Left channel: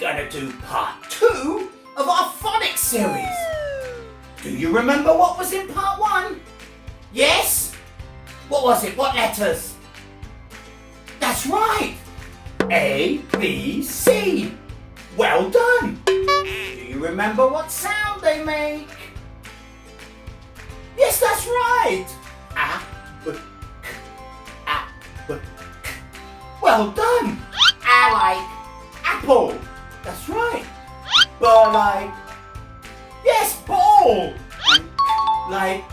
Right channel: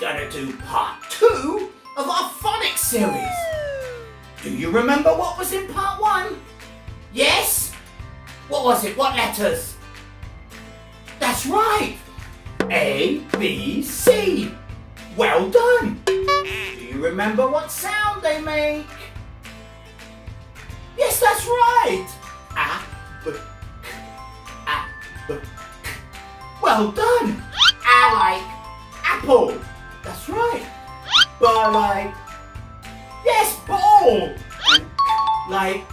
gonna do part 2 of our phonics series. Do you remember what was in part 1? Yes? What was it? What letters? That's right! A, B, C. Well done! Do you remember what sound they make? Yes, that's right! A, B, K. A, B, K. Well done! A like apple. That's right. B like, yes, ball. And like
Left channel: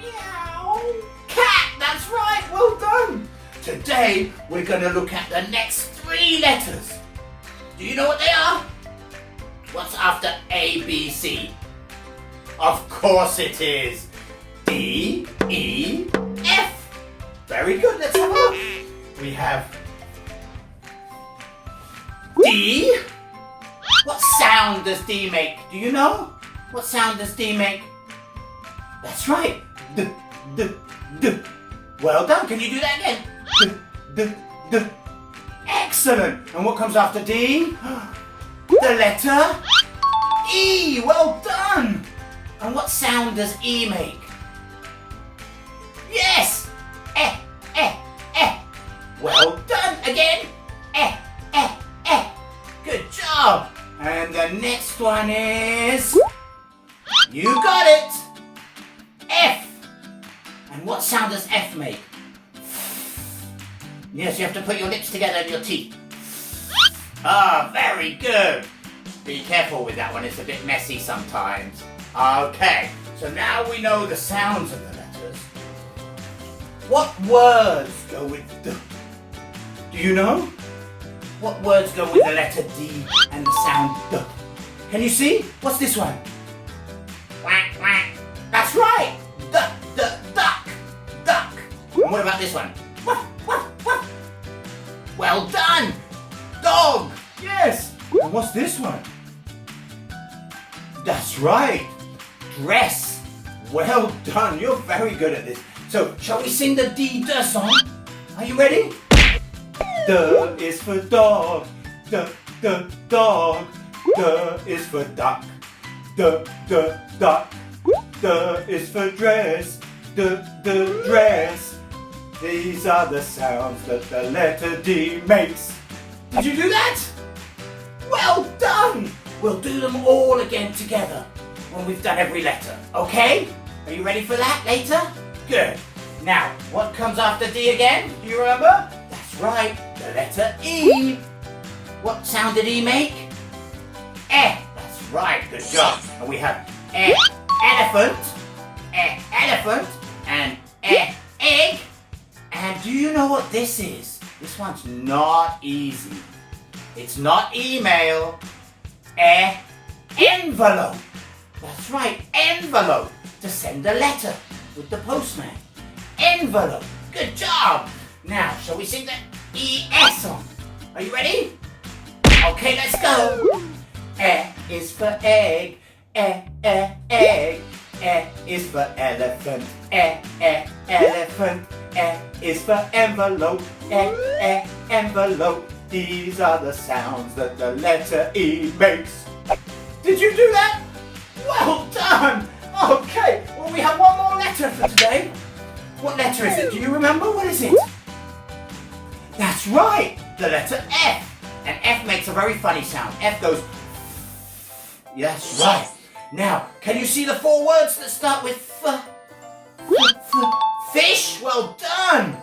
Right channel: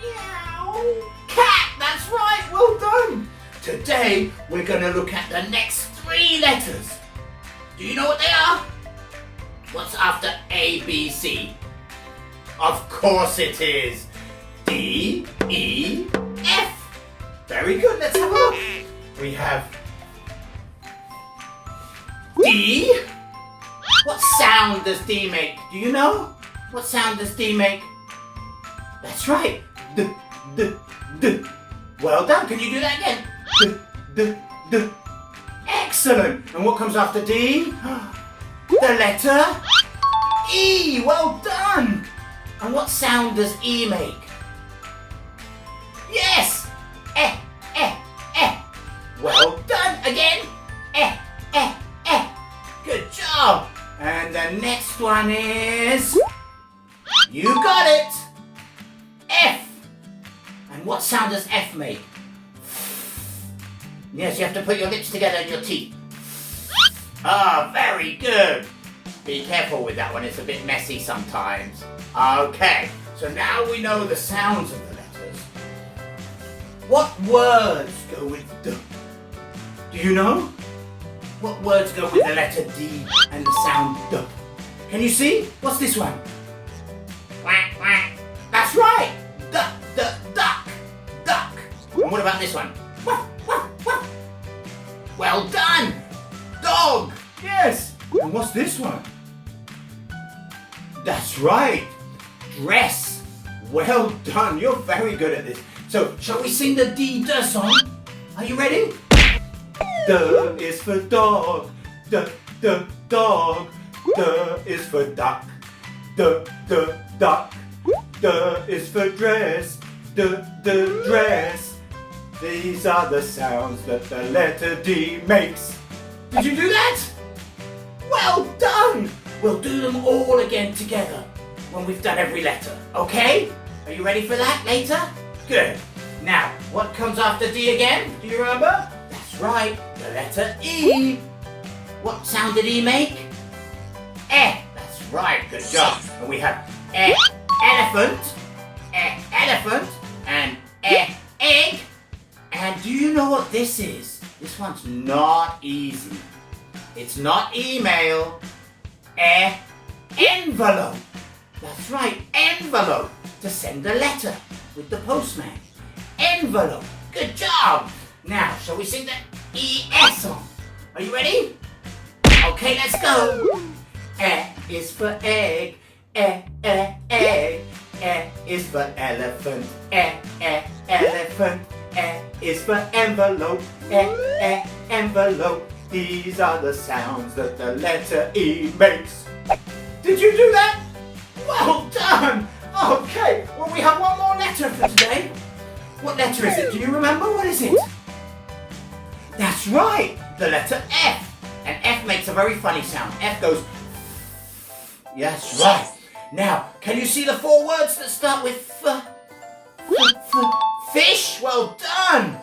meow. Cat. That's right. Well done. Today we're going to look at the next 3 letters. Do you know what they are? What's after A, B, C? Of course it is. D, E, F. Very good. Let's have a look. We have D. What sound does D make? Do you know? What sound does D make? That's right. D, D, D. Well done. Can you do that again? D, D, D. Excellent. And what comes after D? The letter E. Well done. And what sound does E make? Yes. Eh, eh, eh. Well done. Again. Eh, eh, eh. Good job. And the next one is, you got it, F. And what sound does F make? Yes, you have to put your lips together and your teeth. Ah, very good. Be careful with that one, it's a bit messy sometimes. Okay, so now we know the sounds of the letters. What words go with D? Do you know? What words go with the letter D and the sound D? Can you see? What's this one? Quack, quack. That's right! Duck, duck, duck, duck. And what about this one? Woof, woof, woof. Well done! Dog! Yes! And what's this one? That's right! Dress! Well done, you're very good at this. So, shall we sing the D song? Are you ready? D is for dog, D, dog. D is for duck, D, duck. D is for dress, D, dress. These are the sounds that the letter D makes. Did you do that? Well done! We'll do them all again together when we've done every letter, okay? Are you ready for that later? Good. Now, what comes after D again? Do you remember? That's right, the letter E. What sound did E make? Eh. That's right, good job. And we have elephant, elephant, and egg. And do you know what this is? This one's not easy. It's not email. Envelope. That's right, envelope. To send a letter with the postman. Envelope. Good job. Now, shall we sing the ES song? Are you ready? Okay, let's go. E is for egg. Egg. E is for elephant. Elephant. E is for envelope. Envelope. These are the sounds that the letter E makes. Did you do that? Well done. Okay, well we have one more letter for today. What letter is it? Do you remember? What is it? That's right, the letter F. And F makes a very funny sound. F goes, yes, right. Now, can you see the 4 words that start with F? Fish, well done.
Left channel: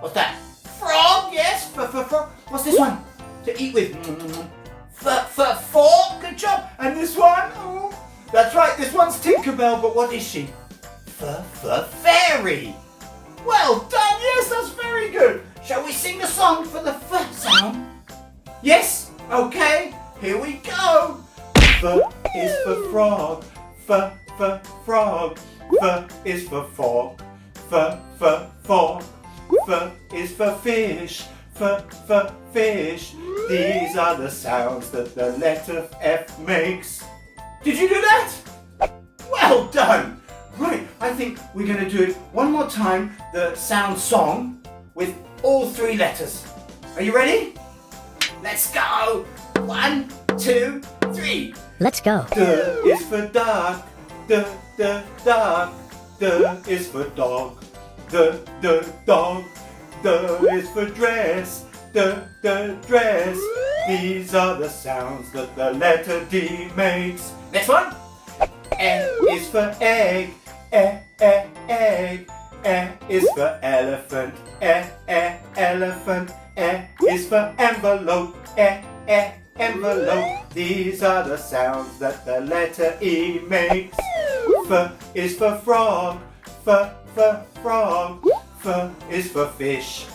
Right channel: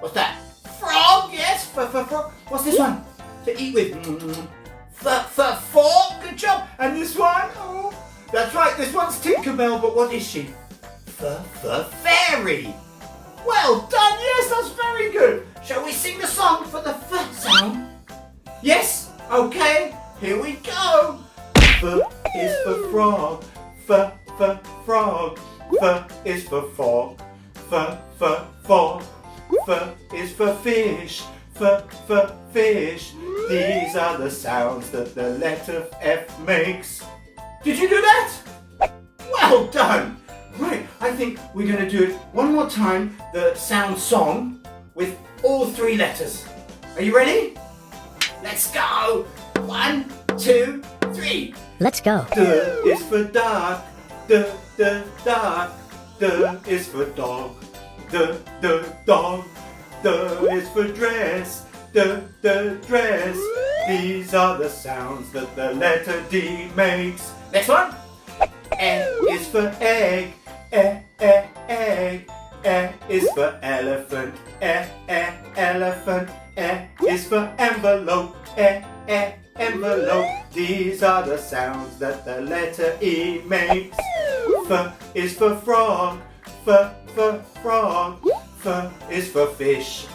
What's that? Frog, yes, frog. What's this one? To eat with. Fork, good job. And this one? Oh, that's right, this one's Tinkerbell, but what is she? Fairy. Well done, yes, that's very good. Shall we sing the song for the F sound? Yes? Okay, here we go. F is for frog. Frog. F is for fork. Fork. F is for fish. Fish. These are the sounds that the letter F makes. Did you do that? Well done. Right, I think we're going to do it one more time, the sound song, with all 3 letters. Are you ready? Let's go. 1, 2, 3. Let's go. D is for dark. Dark. D is for dog. Dog. D is for dress. Dress. These are the sounds that the letter D makes. Next one. E is for egg. Egg. E is for elephant. Elephant. E is for envelope. Envelope. These are the sounds that the letter E makes. F is for frog. Frog. F is for fish.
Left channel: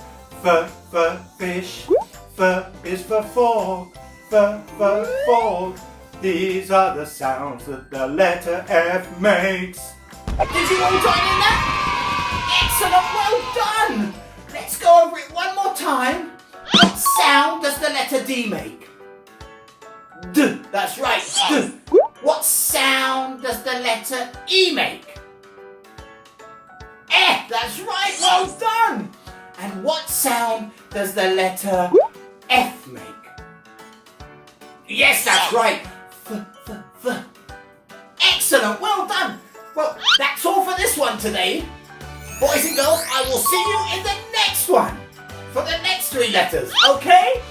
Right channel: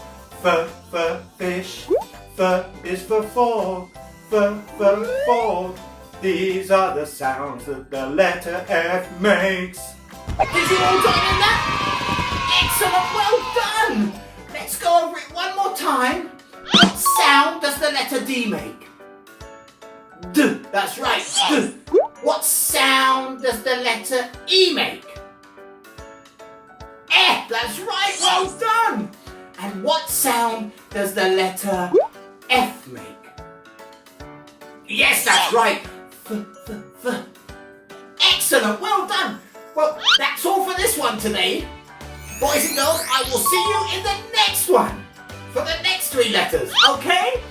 Fish. F is for fork. Fork. These are the sounds that the letter F makes. Did you all join in that? Excellent, well done. Let's go over it one more time. What sound does the letter D make? D, that's right, D. What sound does the letter E make? F, that's right, well done. And what sound does the letter F make? Yes, that's right. F. Excellent, well done. Well, that's all for this one today. Boys and girls, I will see you in the next one for the next 3 letters, okay?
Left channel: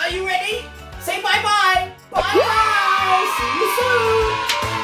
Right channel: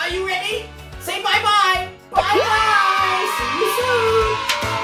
Are you ready? Say bye-bye. Bye-bye. See you soon.